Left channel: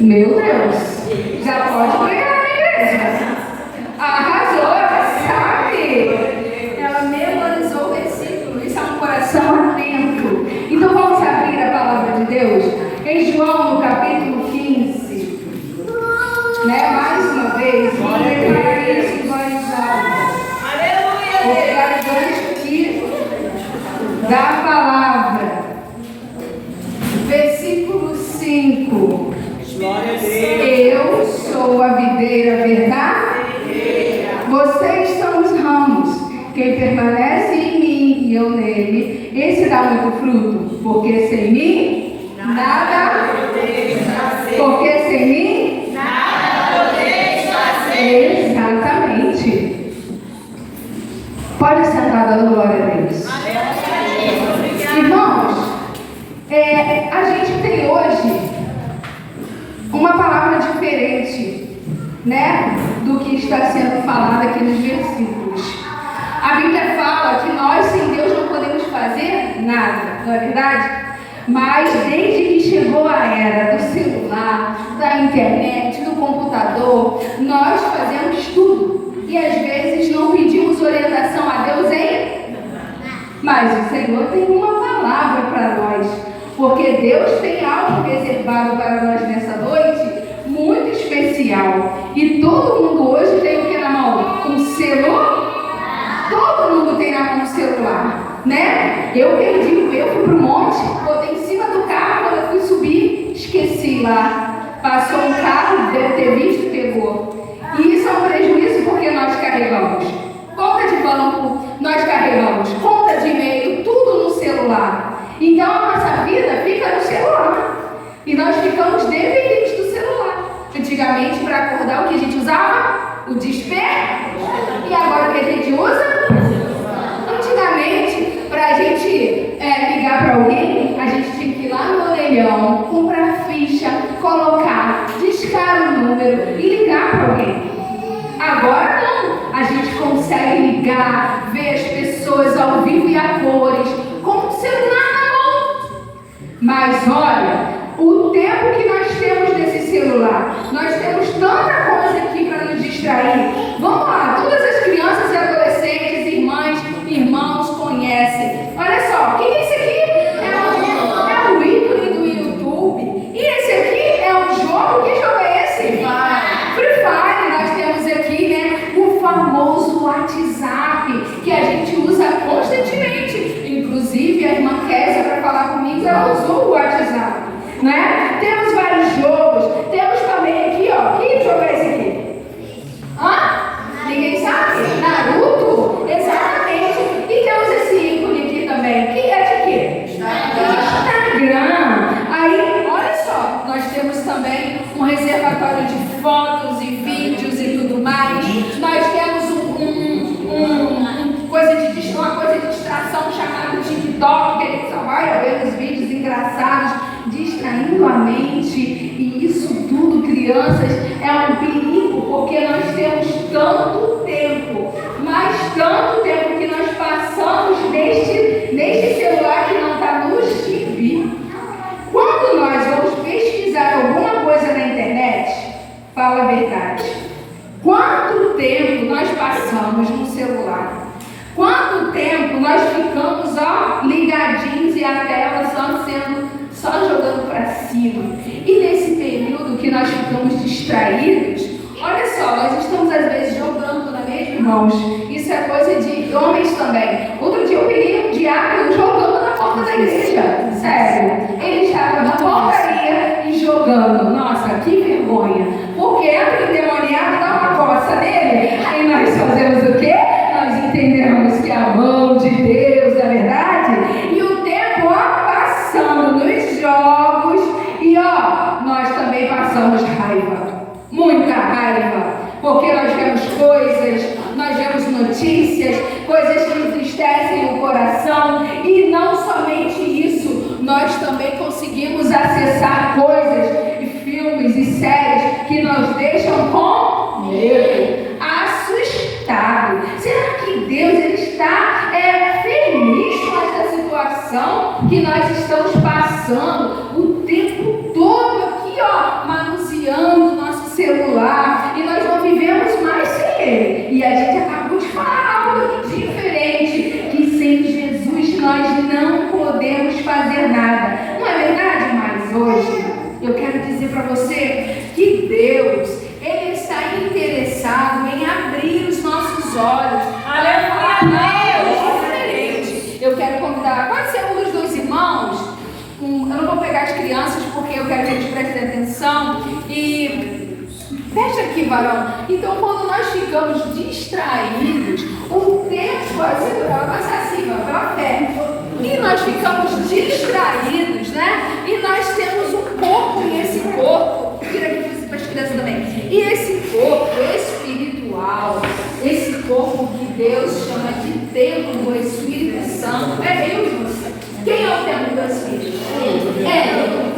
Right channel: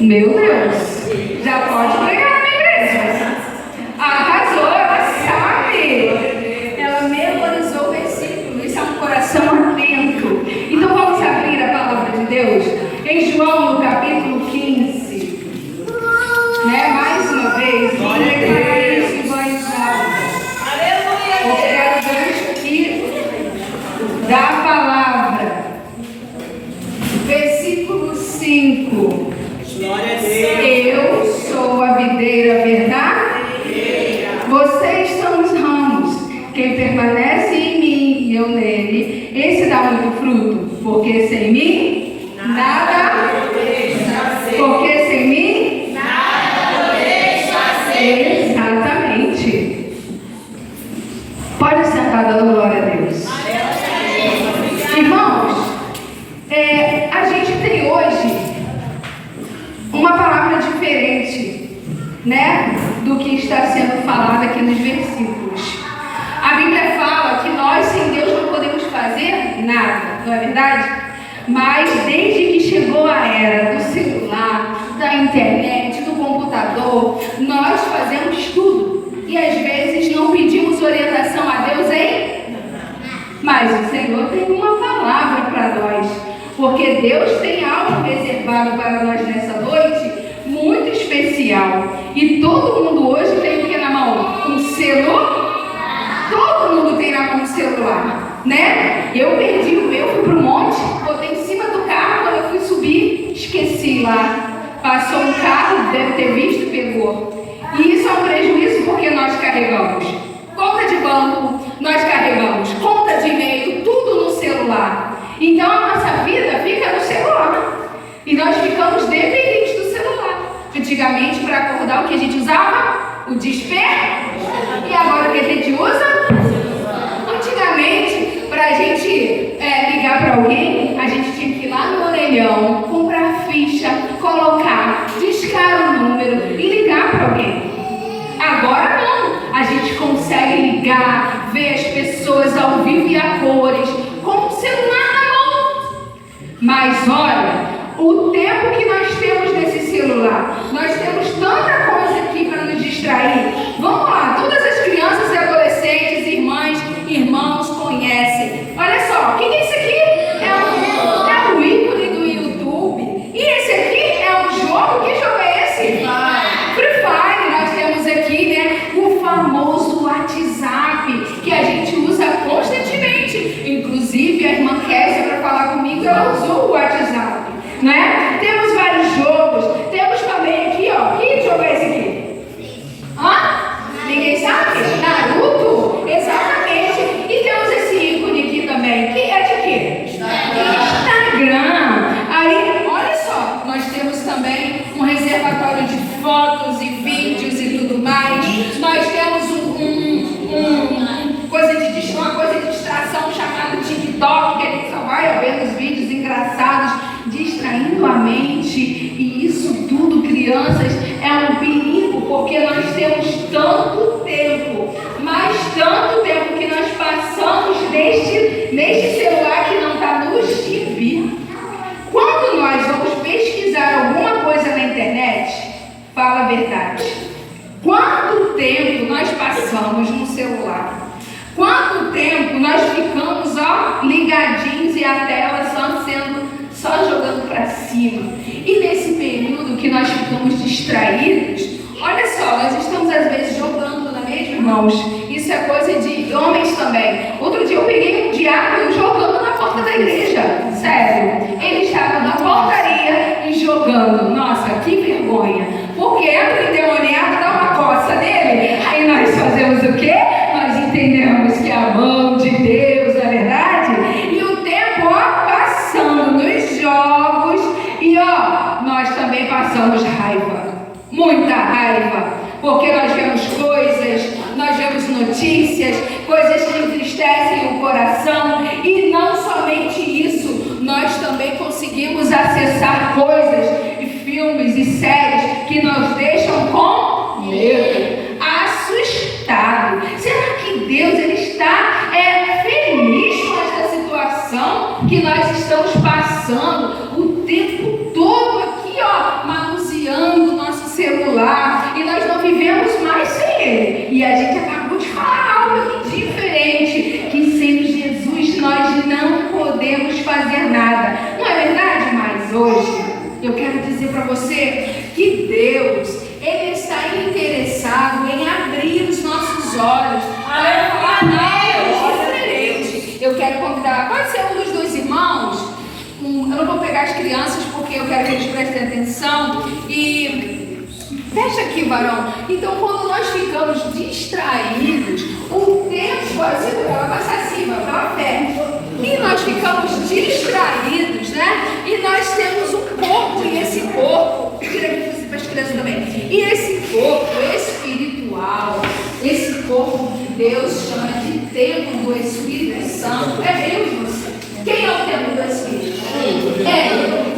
Meu Deus, já pode pregar na igreja. Arrasou, ela sabe. Ela memorizou o versículo. Isso é um coração atento. Então vamos abrir a palavra de Deus em João, no capítulo 15. Mais uma vez, vamos declarar isso em voz alta. Vou pegar o gancho aqui da palavra. Versículo 5. Glória a Deus. Eu sou a videira verdadeira. Vocês são os ramos. Quem permanece em mim e eu nele, esse dá muito fruto. Porque sem mim, nada. Porque sem mim, nada podeis fazer. Exatamente. Pode sentar, dando glória a Deus. Irmãos, a gente tem hoje uma palavra diferente, do que está sendo falado aqui nos versículos. A Bíblia fala que nós sem Deus não podemos fazer nada, não é verdade? Mas desde que chegou a era do celular, da internet, do computador, nós fazemos tudo. E às vezes não pedimos orientação a Deus, hein? Mas o Senhor tem uma palavra para nós. Porque Deus tem algo reservado para nós nessa noite muito especial. E todo mundo hoje tem o que na mão? Um celular? Todo mundo tem na mão um celular, Eu perdi o meu, fui pro monte, botei em cima do carro, quando eu fui subir, esqueci lá. Passou um carro, deve ter visto, pegou. E isso é um prejuízo porque nós carregamos conta de banco, nós carregamos conta de e-mail, tudo no celular. Então a nossa vida fica no celular. E nós ficamos dependentes do celular. Antigamente, para acordar, o que a gente usava? O despertador. E agora o que a gente usa? Antigamente, para a gente ligar para alguém, a gente tinha que ir lá no orelhão, comprar ficha, colocar, discar o número e ligar para alguém. Agora não. A gente consegue ligar, ver as pessoas ao vivo e a cores, com o celular na mão. Mas olha, o tempo que nós temos nesse celular, nós temos tanta coisa aqui para nos distrair. Vamos lá, todas as crianças e adolescentes, irmãs, irmãos conhecem. Olha só, o que é isso aqui? É um ícone do YouTube. E esse aqui é um jogo, que jogo é esse? Free Fire. Nós temos aqui, o famoso WhatsApp, que a gente usa constantemente. Inclusive, a irmã Kézia, para falar comigo, ela usou o WhatsApp, Temos vários jogos. Temos também aqui, que jogo é esse aqui? Ninguém sabe? Naruto? Exatamente. E temos esse ícone aqui também, que é de quê? Instagram. Aí, olha só, nós temos também um reservatório de fotos e vídeos e tudo mais. Nós temos uma coisa de distração chamada TikTok, que a gente só vai vendo os vídeos engraçados, distraindo a mente. E isso tudo, crianças, é um perigo, porque nós temos tanto tempo, mas tanto tempo que nós passamos neste celular que não está nos gibi. Quando nós vamos pesquisar alguma coisa na internet, fala a verdade. Quanto tempo nós passamos no celular? Quanto tempo nós ficamos ligadinhos e a tela só jogando para cima? E nesse período que nós ficamos distraídos, olha só, nós estamos às vezes jogando, não é mesmo, irmãos? Isso é coisa de homens também. Outro dia eu peguei um diácono jogando na porta da igreja. Sério. Ele estava na portaria e jogando. Nossa, que vergonha. Porque entra o endemoniado, dá uma coça nele. Aí nós fazemos o quê? Nós entendemos que é a mão de Deus, não é verdade? E o tempo passando nos jogos. E nós também passamos raiva. Muita raiva. Porque nós vemos coisas, nós vemos notícias, coisas que entristecem o coração. E não somente isso, nós também conseguimos acessar coisas e filmes e séries que nos deixam com medo, assustado. Será que Deus está feliz com essa situação que nós estamos passando o tempo todo aqui, manuseando você que Deus, Ele está interessado em abrir os nossos olhos para falar, não, diferente. Eu quero convidar, pode ser um dos dois irmãos, eu não vou pegar as crianças porque eu quero que eles prestem atenção e fecha aqui, varão. Então, quando nós ficamos distraídos, o tempo vai passar assim, pela fé. E nós ficamos distraídos, né? E nós temos um corpo, e esse corpo, tira aqui para as crianças também. E esse corpo espiritual, esse corpo que Deus chama de templo do Espírito Santo, é eu e você. Quem é o templo do Espírito? É eu.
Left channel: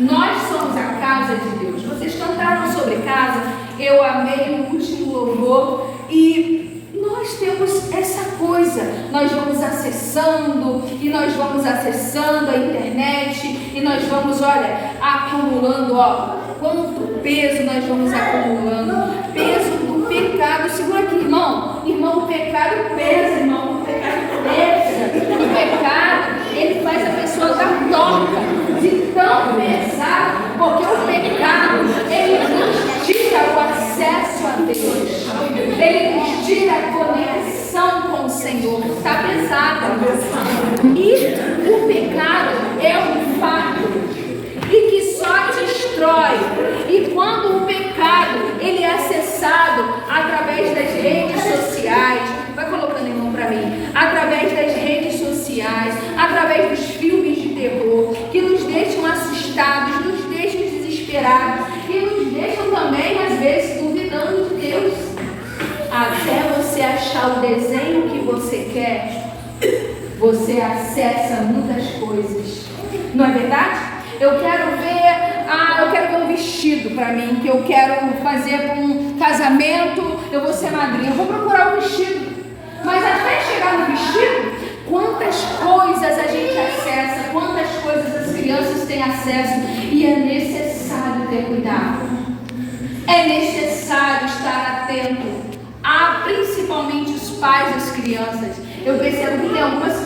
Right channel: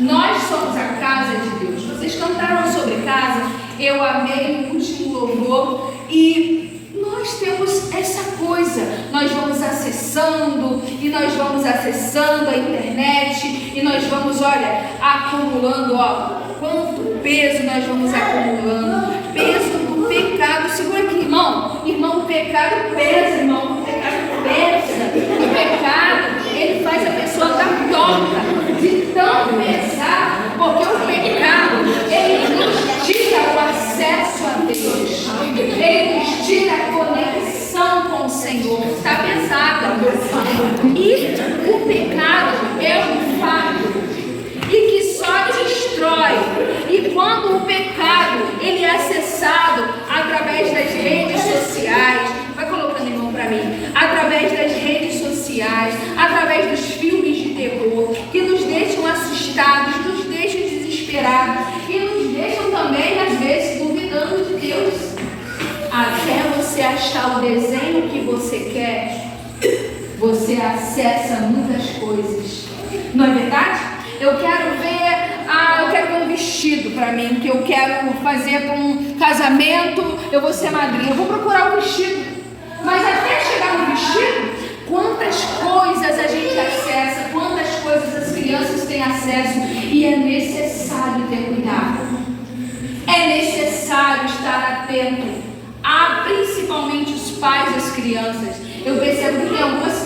Nós somos a casa de Deus. Vocês cantaram sobre casa, eu amei o último louvor e nós temos essa coisa, nós vamos acessando e nós vamos acessando a internet e nós vamos, olha, acumulando, ó, quanto peso nós vamos acumulando, peso do pecado. Segura aqui, irmão, o pecado pesa, irmão, o pecado pesa, o pecado, ele faz a pessoa dar torta, de tão pesado, porque o pecado, ele nos tira o acesso a Deus, ele nos tira a conexão com o Senhor, está pesado. E o pecado é um fato, e que só destrói. E quando o pecado, ele é acessado através das redes sociais, vai colocando em mão para mim, através das redes sociais, através dos filmes de terror, que nos deixam assustados, nos deixam desesperados, e nos deixam também, às vezes, duvidando de Deus. Até você achar o desenho que você quer, você acessa muitas coisas. Não é verdade? Eu quero ver um vestido para mim, que eu quero fazer para um casamento, eu vou ser madrinha, eu vou procurar um vestido. Mas até chegar no vestido, quantas coisas a gente acessa, quantas coisas as crianças têm acesso, e é necessário ter cuidado. É necessário estar atento, principalmente os pais das crianças. Eu percebo que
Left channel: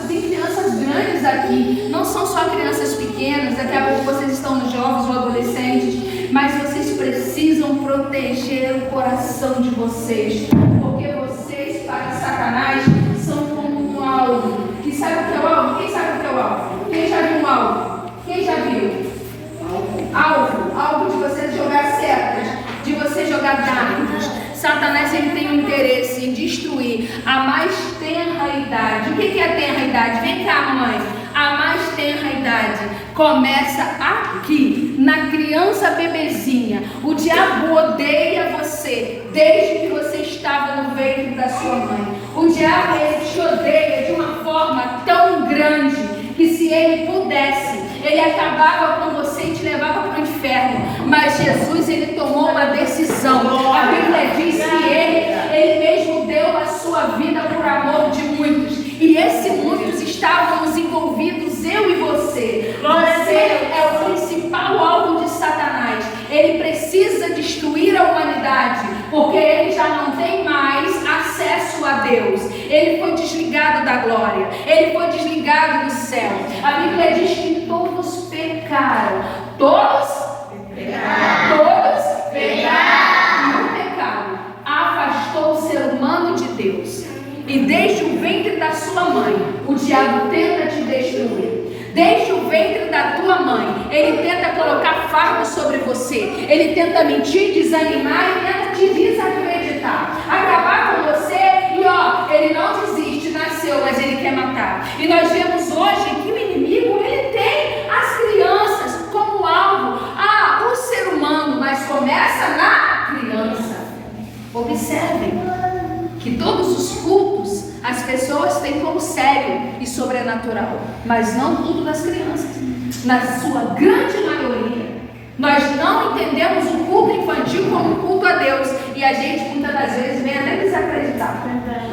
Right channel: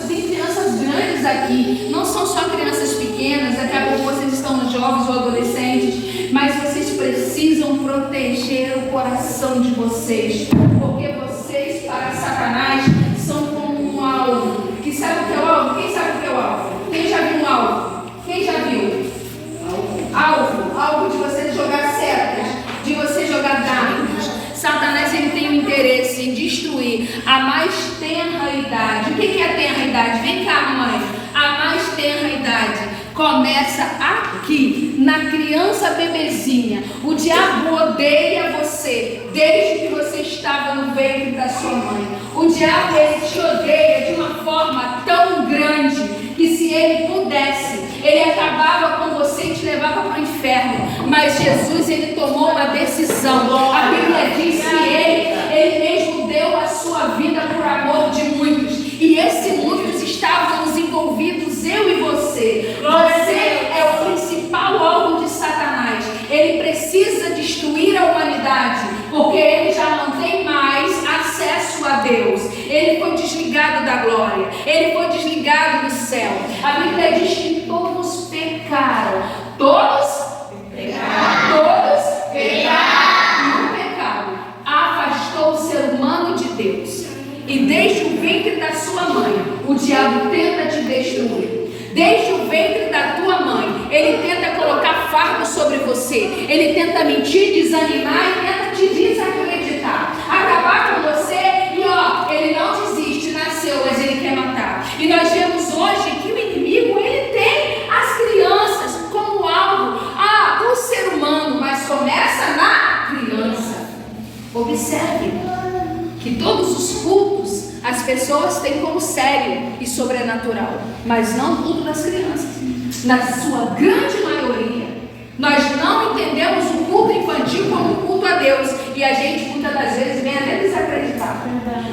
tem crianças grandes aqui, não são só crianças pequenas, daqui a pouco vocês estão nos jovens ou adolescentes, mas vocês precisam proteger o coração de vocês, porque vocês, para Satanás, são como um alvo. E sabe o que é o alvo? Quem sabe o que é o alvo? Quem já viu um alvo? Quem já viu? Alvo de você jogar setas, de você jogar dardos. Satanás, ele tem o interesse em destruir a mais tenra idade. O que é a tenra idade? Vem cá, mãe. A mais tenra idade começa aqui, na criança bebezinha. O diabo odeia você desde que você estava no ventre da sua mãe. O diabo, ele te odeia de uma forma tão grande que, se ele pudesse, ele acabava com você e te levava para o inferno. Mas Jesus, ele tomou uma decisão. A Bíblia diz que ele mesmo deu a sua vida por amor de muitos. E esses muitos estávamos envolvidos, eu e você. Você é o principal alvo de Satanás. Ele precisa destruir a humanidade, porque ele já não tem mais acesso a Deus. Ele foi desligado da glória, ele foi desligado do céu. A Bíblia diz que todos pecaram. Todos pecaram. E o pecado afastou o ser humano de Deus. E desde o ventre da sua mãe, o diabo tenta te destruir. Desde o ventre da tua mãe, ele tenta colocar fardo sobre você. Ele tenta mentir, desanimar e tenta te desacreditar. Acabar com você e ele não desiste, nasceu, mas ele quer matar. E nós vemos hoje que o inimigo, ele tem as crianças como alvo. O ser humano, mas começa na criança. Observe que todos os cultos as pessoas têm como sério e sobrenatural, mas não tudo das crianças. Na sua grande maioria, nós não entendemos o culto infantil como um culto a Deus, e a gente muitas das vezes vem até desacreditar.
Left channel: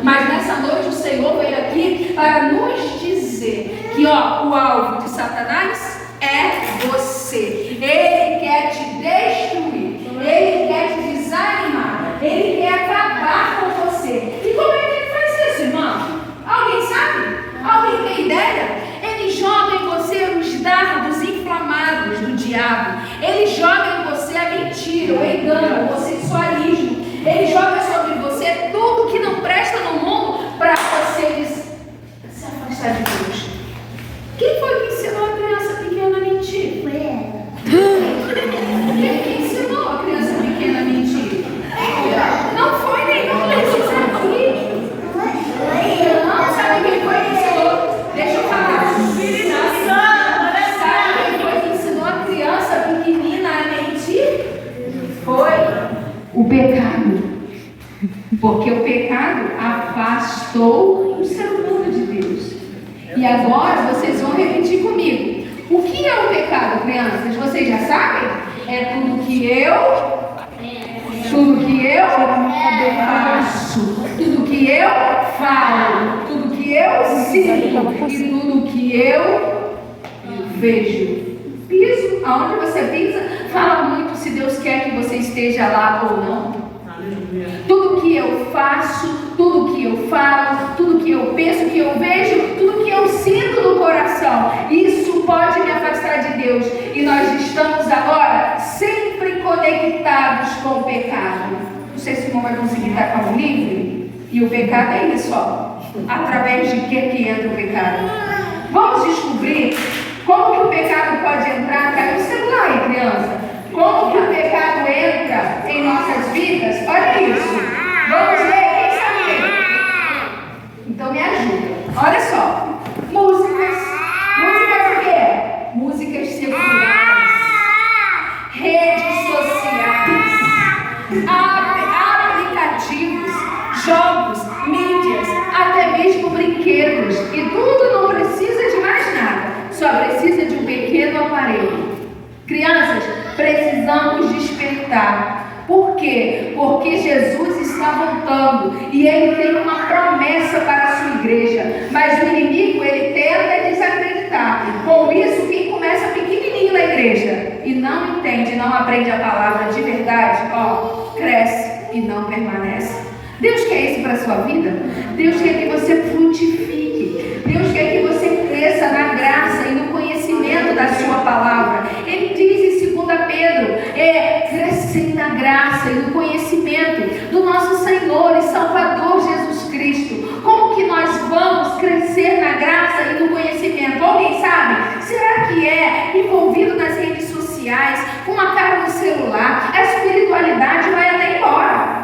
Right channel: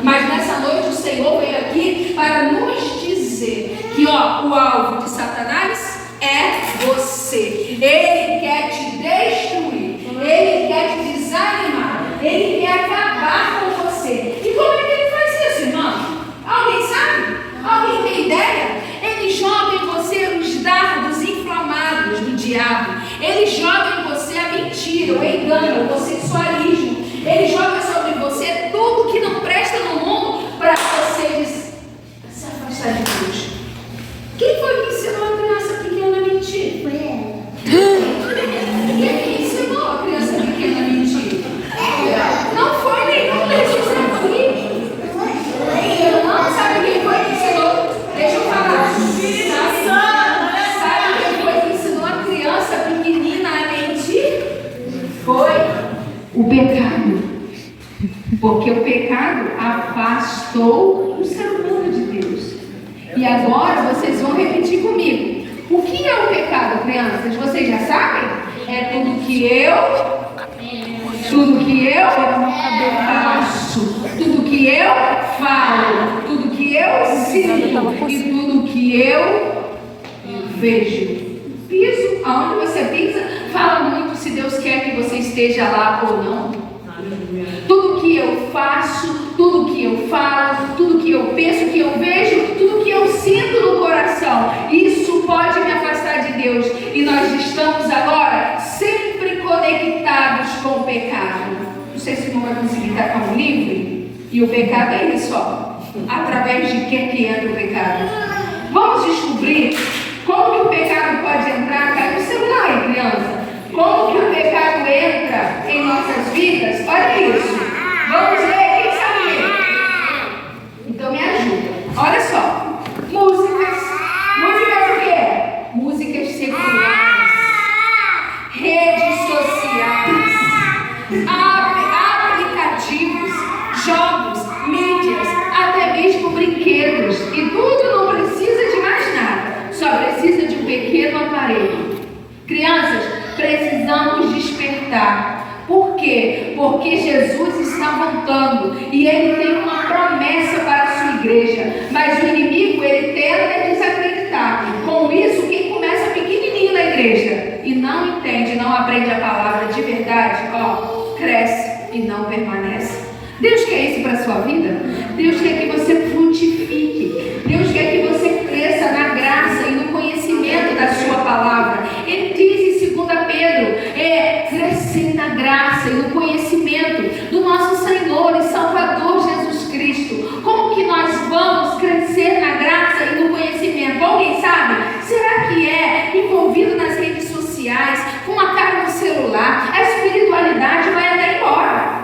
Mas nessa noite o Senhor veio aqui para nos dizer que o alvo de Satanás é você. Ele quer te destruir, ele quer te desanimar, ele quer acabar com você. E como é que ele faz isso, irmão? Alguém sabe? Alguém tem ideia? Ele joga em você os dardos inflamados do diabo. Ele joga em o pecado. Porque o pecado afastou o ser humano de Deus. E agora vocês vão repetir comigo. O que é o pecado, crianças? Vocês já sabem? É tudo que eu faço, tudo que eu falo, tudo que eu sinto e tudo que eu vejo. Piso, aonde você pisa, fala muito se Deus quer que você esteja lá ou não. Tudo que eu faço, tudo que eu falo, tudo que eu penso, que eu vejo, tudo que eu sinto no coração, isso pode me afastar de Deus. E nós estamos agora sempre conectados com o pecado. Não sei se o irmão vai conseguir estar com um livro. E o pecado é isso, ó. Através de que entra o pecado? Vamos descobrir como que o pecado pode entrar. Cai no celular aí, criança. Como que o pecado entra em nossas vidas? Olha isso. Vamos ver, quem sabe ler? Então me ajuda. Olha só. Músicas o quê? Músicas seculares, redes sociais, aplicativos, jogos, mídias, até mesmo brinquedos. E tudo não precisa de mais nada. Só precisa de um pequeno aparelho. Crianças, precisamos despertar. Por quê? Porque Jesus está voltando e Ele tem uma promessa para a sua igreja. Mas o inimigo, ele tenta desacreditar. Com isso, quem começa pequenininho na igreja e não entende, não aprende a palavra de verdade, ó, cresce e não permanece. Deus quer isso para a sua vida? Deus quer que você frutifique. Deus quer que você cresça na graça e no conhecimento da sua palavra. Ele diz em 2 Pedro, crescer na graça e no conhecimento do nosso Senhor e Salvador Jesus Cristo. Como que nós vamos crescer na graça e no conhecimento? Alguém sabe? Será que é envolvido nas redes sociais, com uma cara no celular? A espiritualidade vai até embora.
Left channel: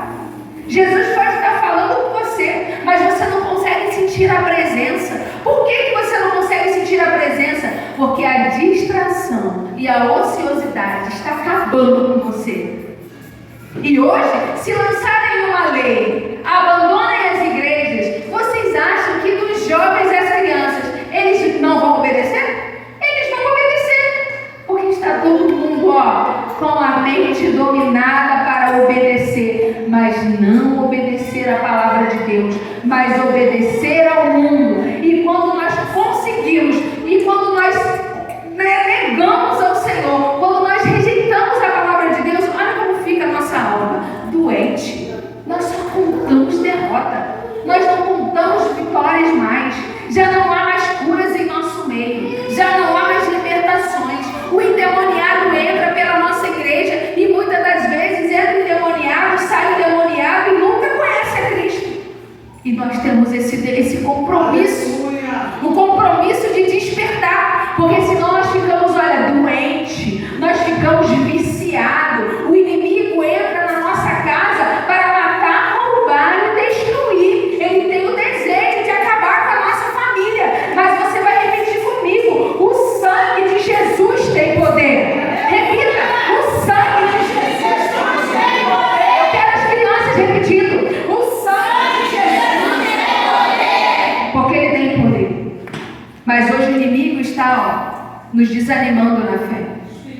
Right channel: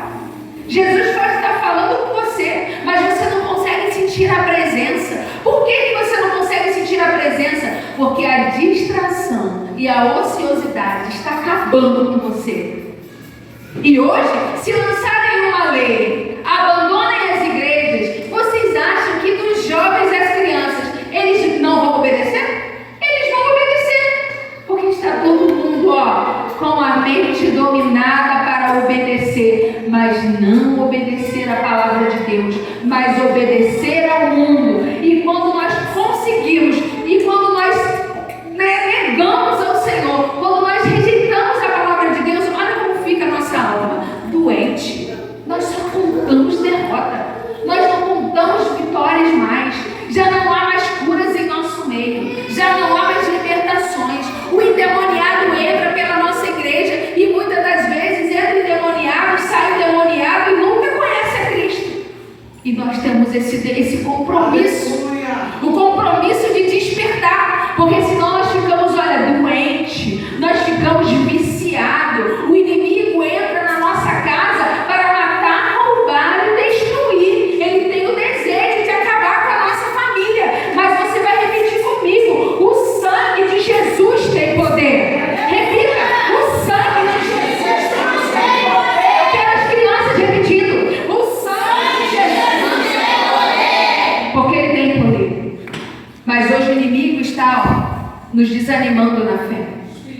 Jesus pode estar falando com você, mas você não consegue sentir a presença. Por que você não consegue sentir a presença? Porque a distração e a ociosidade está acabando com você. E hoje, se lançarem uma lei, abandonem as igrejas, vocês acham que dos jovens e as crianças, eles não vão obedecer? Eles vão obedecer, porque está todo mundo, com a mente dominada para obedecer, mas não obedecer a palavra de Deus, mas obedecer ao mundo. E quando nós conseguimos, e quando nós negamos ao Senhor, quando nós rejeitamos a palavra de Deus, olha como fica a nossa alma doente. Nós só contamos derrota, nós não contamos vitórias mais. Já não há mais curas em nosso meio, já não há mais libertações. O endemoniado entra pela nossa igreja e muitas das vezes entra endemoniado, sai endemoniado e nunca conhece a Cristo. E nós temos esse compromisso, o compromisso de despertar, porque senão nós ficamos, doentes, nós ficamos viciados. O inimigo entra na nossa casa para matar, roubar e destruir. Ele tem o desejo de acabar com a nossa família. Mas você vai repetir comigo: o sangue de Jesus tem poder. Repita: o sangue de Jesus tem poder. Eu quero as crianças repetindo: o sangue de Jesus tem poder. Porque ele tem poder. Mas hoje o inimigo está, nos desanimando na fé.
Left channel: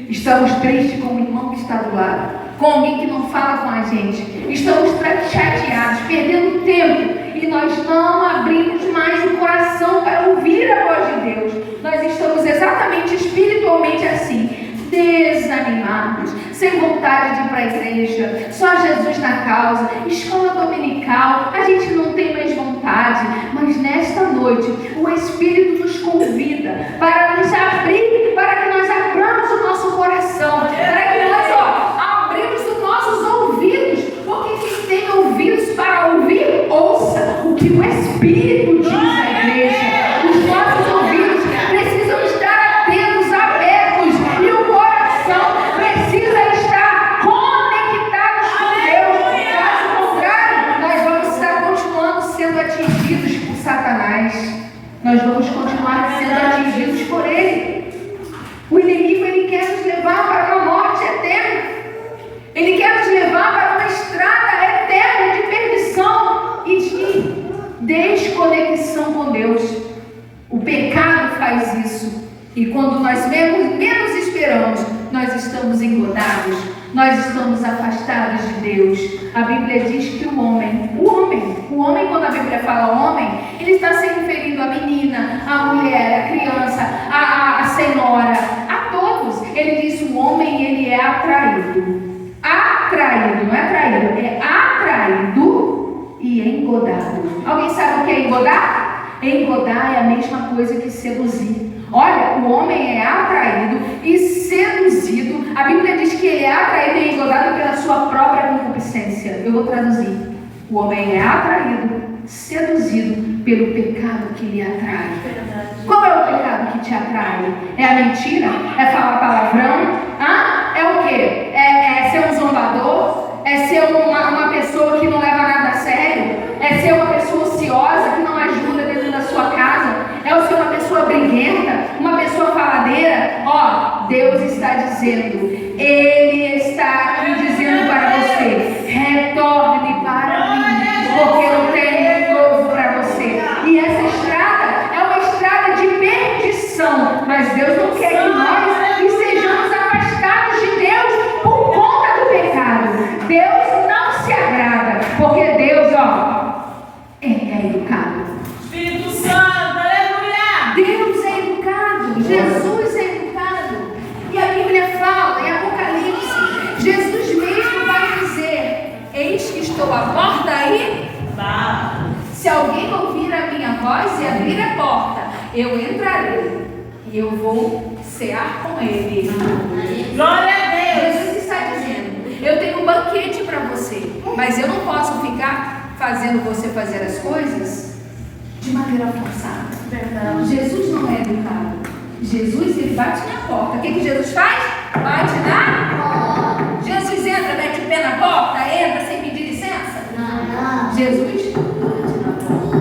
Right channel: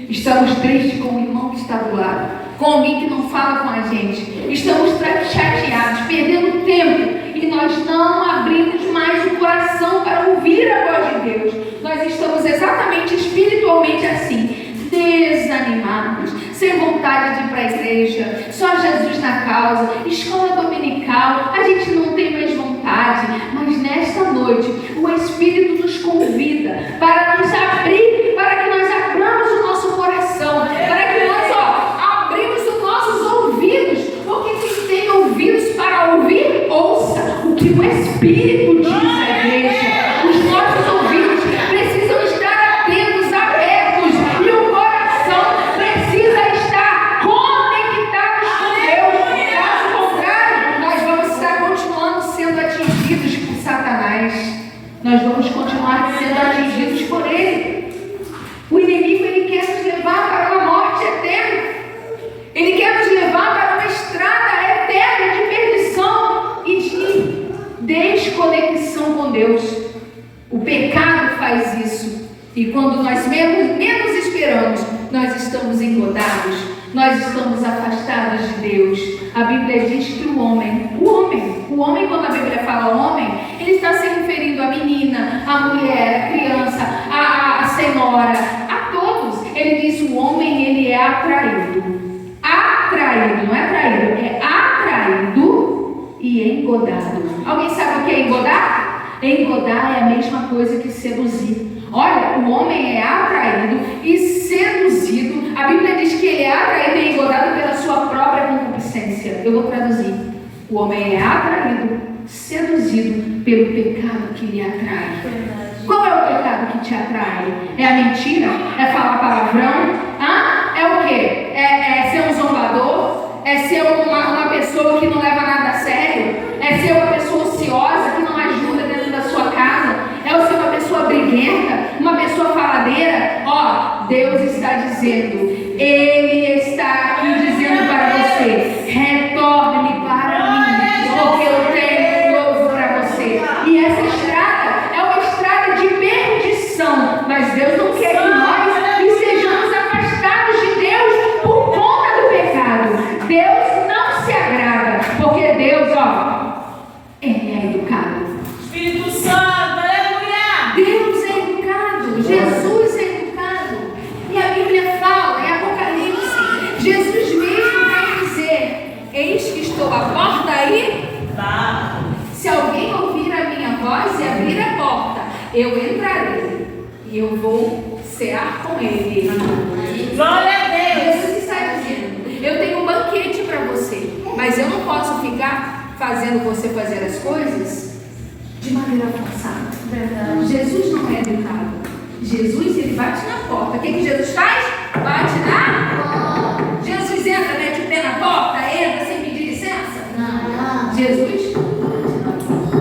Estamos tristes com o irmão que está do lado, com alguém que não fala com a gente. Estamos chateados, perdendo tempo, e nós não abrimos mais o coração para ouvir a voz de Deus. Nós estamos exatamente espiritualmente assim, desanimados, sem vontade de ir para a igreja, só Jesus na causa, escola dominical, a gente não tem mais vontade. Mas nesta noite, o Espírito nos convida para nos abrir, para que nós abramos o nosso coração, para que nós abrimos os nossos ouvidos, porque quem tem ouvidos para ouvir, ouça o que o Espírito diz à igreja. Os nossos ouvidos precisam estar atentos, abertos, e o coração precisa estar conectado com Deus. Caso contrário, nós vamos estar continuando sendo atingidos por Satanás. Nós vamos continuar sendo atingidos por ele. O inimigo, ele quer nos levar para uma morte eterna. Ele quer nos levar para uma com Deus. O pecado faz isso. E quando nós menos esperamos, nós estamos engodados, nós estamos afastados de Deus. A Bíblia diz que o homem, quando a Bíblia fala homem, ele está se referindo à menina, à mulher, à criança, à senhora, a todos. Ele diz: o homem, ele é atraído. Atraído, não é traído, é atraído e engodado. Alguém sabe o que é engodar? Engodar é a mesma coisa que seduzir. Olha, o homem é atraído e seduzido. A Bíblia diz que ele é atraído e engodado pela sua própria concupiscência. Eu vou traduzir. O homem é atraído, seduzido pelo pecado que lhe atrai. Qual é o pecado que te atrai? É a mentira? É falar palavrão? É o quê? É ser um zombador? É ser uma pessoa que não leva nada a sério? É ser uma pessoa ociosa que não ajuda dentro da sua casa? É ser uma pessoa briguenta? Uma pessoa faladeira? Deus está dizendo, Ele está aqui dizendo para você: retorne para mim, porque eu tenho novo para você. E essa estrada é uma estrada de perdição, mas Deus não quer que nós estejamos afastados de Deus por conta do pecado. Deus não se agrada, porque Deus, Ele é educado. Espírito Santo, aleluia! Deus é educado, Jesus é educado. E a Bíblia fala em Apocalipse, Jesus mesmo vai dizer: eis que estou à porta e se alguém ouvir a minha voz e abrir a porta, eu entrarei e eu vou cear com ele. Glória a Deus! Jesus está dizendo: eu tenho um banquete para você, mas eu não posso ficar fazendo você fazer as coisas de maneira forçada. Jesus não é educado. Jesus, ele bate na porta. O que Jesus faz? Bate na porta. Jesus entra, mete o pé na porta, entra sem pedir licença? Não. Jesus bate na porta.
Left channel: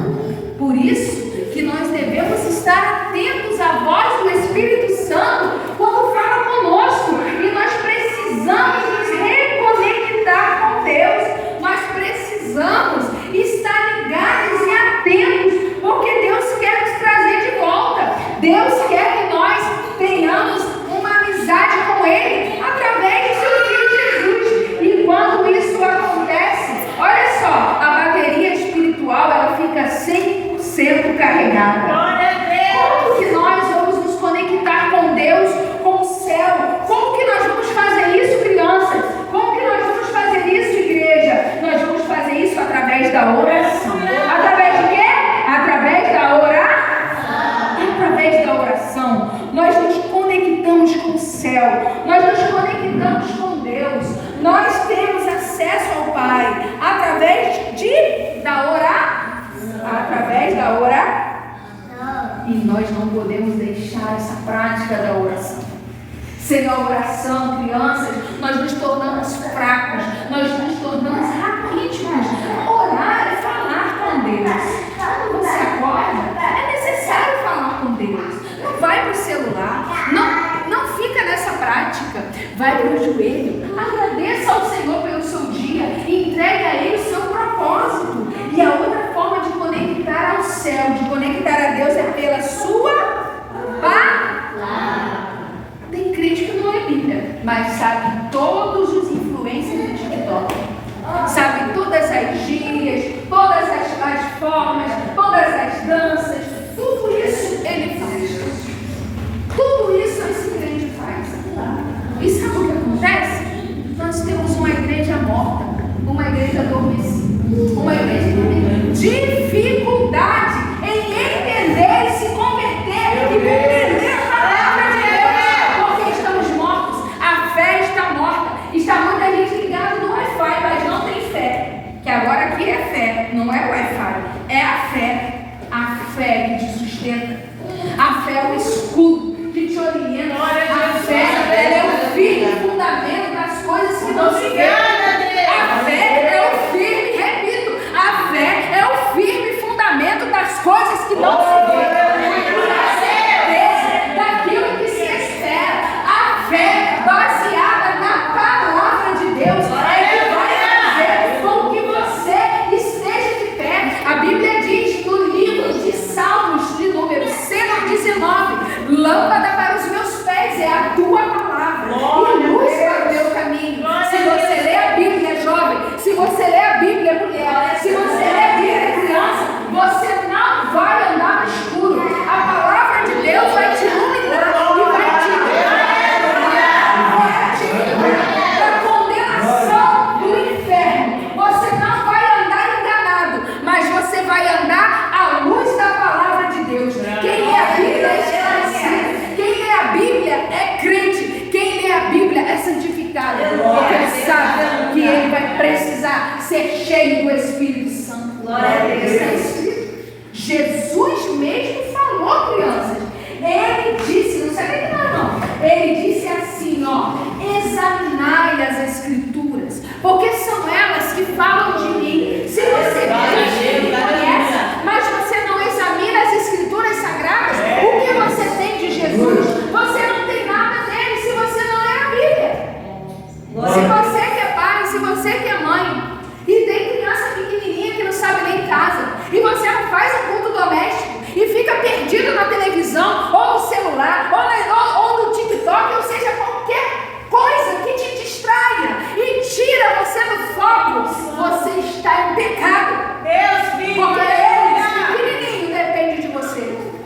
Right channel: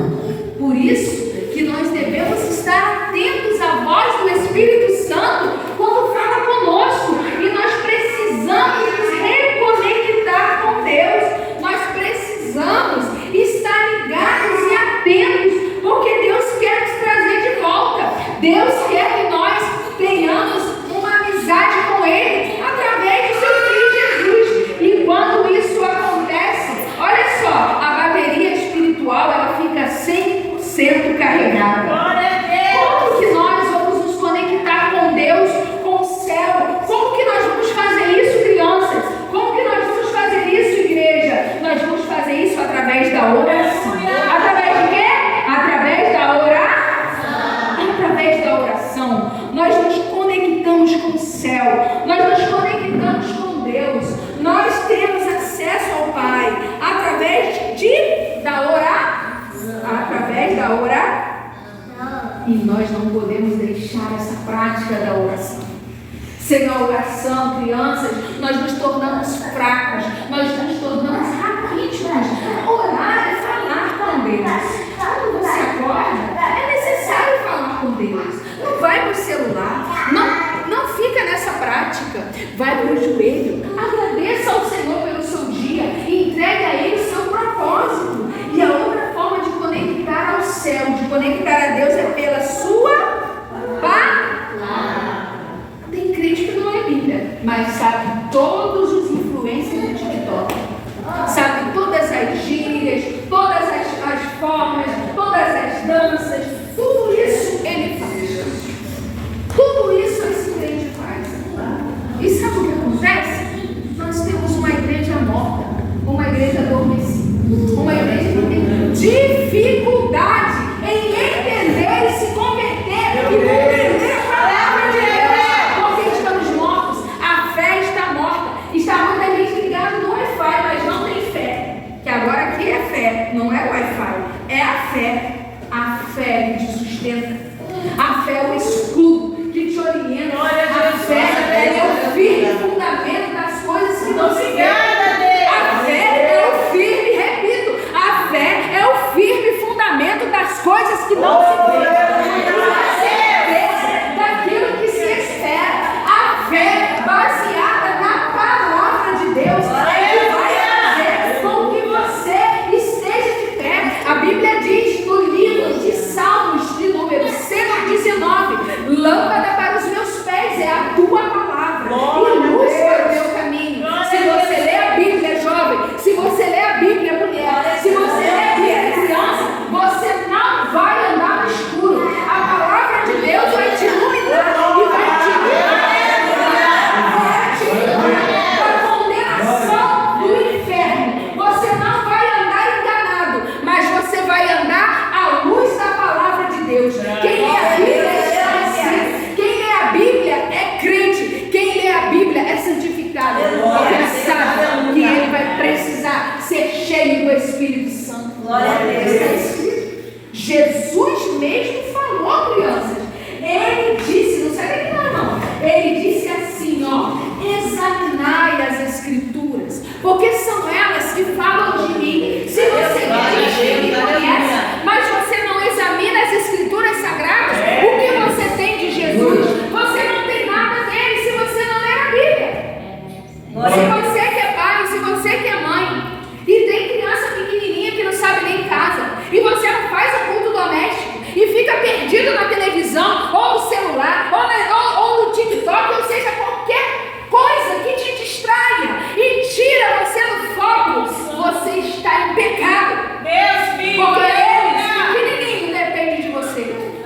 Por isso que nós devemos estar atentos à voz do Espírito Santo quando fala conosco. E nós precisamos nos reconectar com Deus. Nós precisamos estar ligados e atentos, porque Deus quer nos trazer de volta. Deus quer que nós tenhamos uma amizade com Ele através de seu Filho Jesus. E quando isso acontece, olha só, a bateria espiritual, ela fica 100% carregada. Glória a Deus! Como que nós vamos nos conectar com Deus, com o céu? Como que nós vamos fazer isso, crianças? Como que nós vamos fazer isso, igreja? Nós vamos fazer isso através da oração. Através de quê? Através da oração. Através da oração, nós nos conectamos com o céu, nós nos conectamos com Deus, nós temos acesso ao Pai através da oração. Através da oração. E nós não podemos deixar essa prática da oração. Sem a oração, crianças, nós nos tornamos fracos, nós nos tornamos raquíticos. Orar é falar com Deus. Quando você acorda, é necessário falar com Deus. Não vai para o celular, não fica nessa prática. Vai para o joelho, agradeça ao Senhor pelo seu dia e entregue a Ele o seu propósito. E a outra forma de conectar ao céu, de conectar a Deus, é pela sua palavra. Tem crente que não é Bíblia, mas sabe todos os influencers do TikTok. Sabe todas as gírias, todas as formas, todas as danças, tudo isso ele faz. Tudo isso esse crente faz. E sabe o que acontece? Nós temos uma igreja morta, uma igreja adormecida, uma igreja que tem dificuldade em entender e se converter e compreender a palavra de Deus, porque estamos mortos, a fé está morta, está muita gente ligada no Wi-Fi, mas não tem fé, que agora aqui é fé, não é Wi-Fi, é a fé que te sustenta, a fé é o escudo que te orienta, a fé é o firme fundamento das coisas que não se veem. A fé é o firme, repito, a fé é o firme fundamento das coisas que não se veem. A certeza daquilo que se espera. A fé baseada na palavra de Deus é que vai fazer com que você esteja de pé. A Bíblia diz no livro de Salmos precisar ser cheio do Espírito Santo. Glória a Deus. Está escrito. Jesus mesmo falou, crianças. Ele disse, não sabe que não. Ele disse assim, examinai as Escrituras, porque são elas que falam de mim. Se você diz que me conhece, mas você não examina as Escrituras Sagradas, o que você tem de Jesus? Você não tem nada dele se você não ler a Bíblia. Se você que é pai, se você que é mãe, e tem criança pequenininha que não sabe ler em casa, e você não faz o culto doméstico, e fica perdido na televisão, ou no celular, ou no TikTok, ou seja, qualquer coisa que te distraia e tira você do foco, você está em pecado. Deus, filho. Porque eles, pequenininho, depende de você.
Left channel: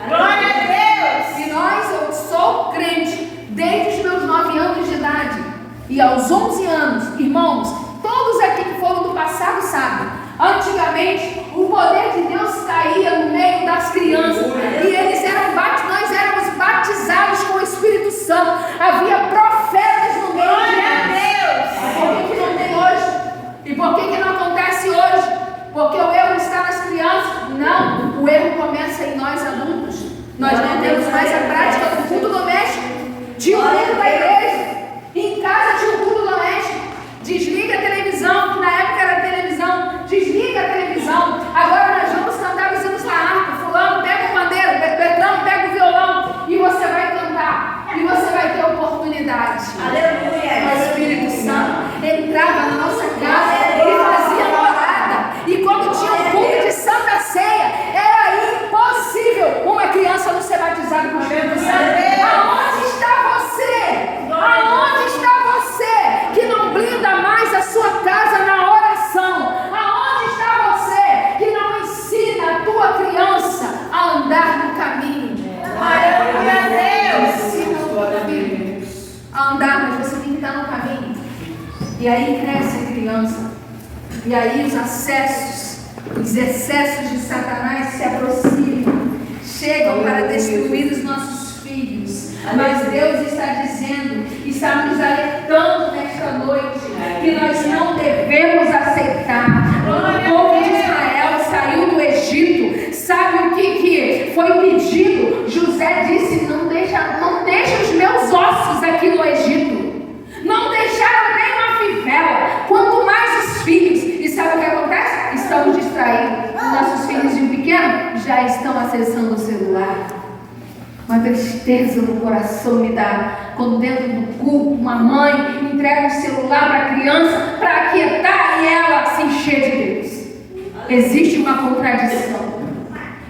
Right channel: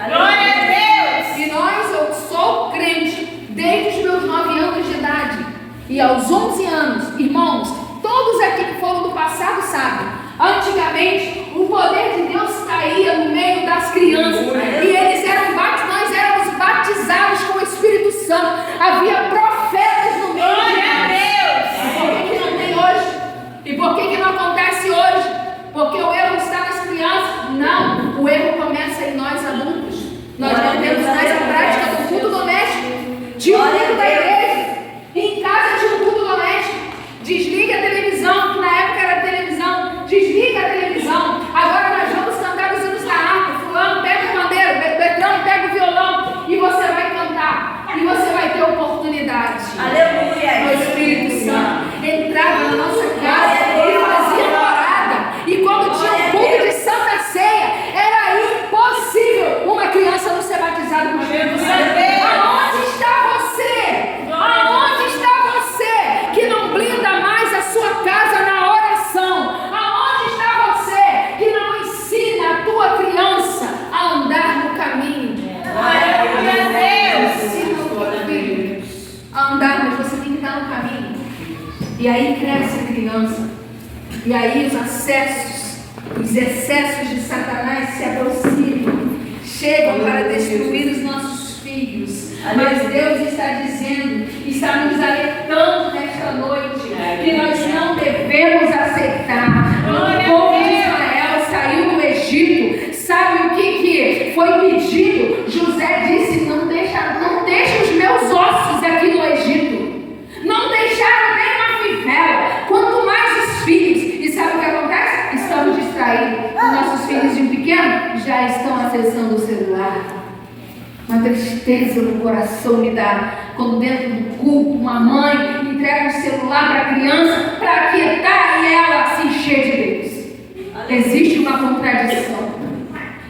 Glória a Deus. E eu sou crente desde os meus 9 anos de idade. E aos 11 anos, irmãos, todos aqui que foram do passado sabem. Antigamente, o poder de Deus caía no meio das crianças. E eles nós éramos batizados com o Espírito Santo. Havia profetas no meio de nós. Por que não tem hoje? E por que não acontece hoje? Porque o erro está nas crianças? Não, o erro começa em nós adultos. Nós não temos mais a prática do culto doméstico. Tinha um culto da igreja. Em casa tinha um culto doméstico. Desliga a televisão, que na época era televisão. Desliga a televisão. Agora nós vamos cantar os hinos da harpa. Fulano, pega o pandeiro. Beltrano, pega o violão. E você vai cantar. E você vai ter oportunidade. Aleluia. O Espírito Santo entrava na nossa casa e fazia morada. E quando tinha um culto de Santa Ceia, era impossível uma criança não ser batizada com o Espírito Santo. Aonde está você? Aonde está você que não blinda mais a sua casa na oração? Aonde está você que não ensina a tua criança a andar no caminho? Aleluia, Deus. Ensina o teu filho a andar, mas você tem que estar no caminho. E aí cresce a criança. E aí os excessos de Satanás se aproximam, chegam para destruir os nossos filhos. Mas Deus está dizendo, está nos alertando nesta noite, que nós não devemos aceitar. O povo de Israel saiu do Egito. Sabe o que foi pedido? José disse, não deixa os meus ossos aqui no Egito. Não deixaram nem uma fivela, quanto mais os filhos. E sabe o que acontece? Estamos distraídos. Os nossos filhos de pequeno já estão acessando o celular. Uma tristeza no coração me dá quando dentro do culto uma mãe entrega um celular para a criança para aquietar e ela se encher de Deus. Existe uma contradição.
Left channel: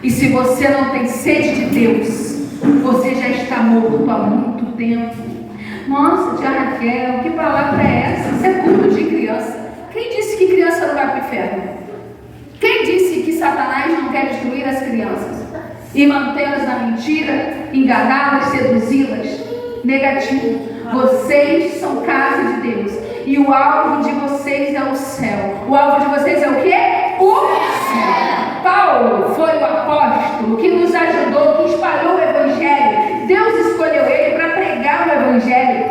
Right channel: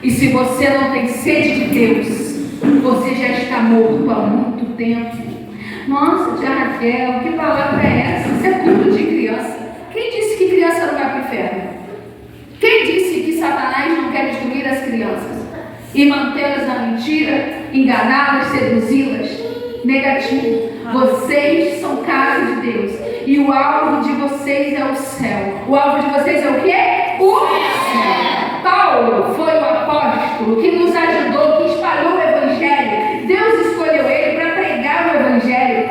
E se você não tem sede de Deus, você já está morto há muito tempo. Nossa, tia Raquel, que palavra é essa? Isso é culto de criança. Quem disse que criança não vai para o inferno? Quem disse que Satanás não quer destruir as crianças e mantê-las na mentira, enganá-las, seduzi-las? Negativo. Vocês são casa de Deus e o alvo de vocês é o céu. O alvo de vocês é o quê? O céu. Paulo foi o apóstolo que nos ajudou, que espalhou o Evangelho. Deus escolheu ele para pregar o Evangelho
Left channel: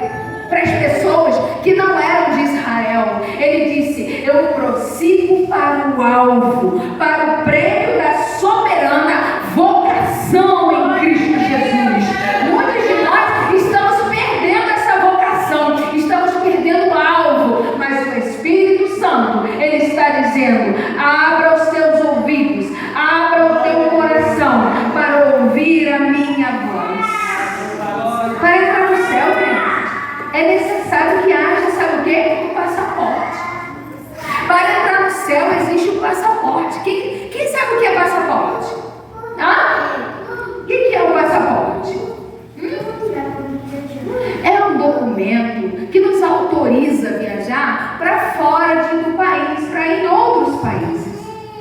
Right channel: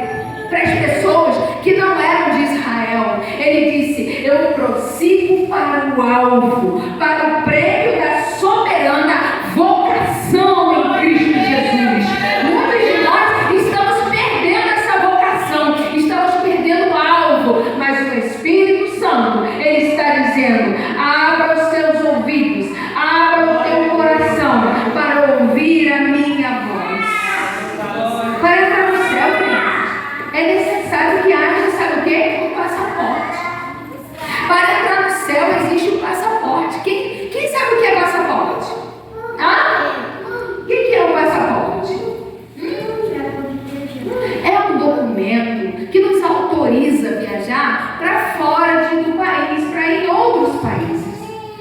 para as pessoas que não eram de Israel. Ele disse, eu prossigo para o alvo, para o prêmio da soberana vocação em Cristo Jesus. Muitos de nós estamos perdendo essa vocação, estamos perdendo o alvo, mas o Espírito Santo, ele está dizendo, abra os teus ouvidos, abra o teu coração para ouvir a minha voz. Para entrar no céu, é necessário que haja, sabe o quê? Um passaporte. Para entrar no céu existe um passaporte. Quem sabe o que é passaporte? O que é um passaporte? É um documento que nos autoriza a viajar para fora do país, para ir em outros países.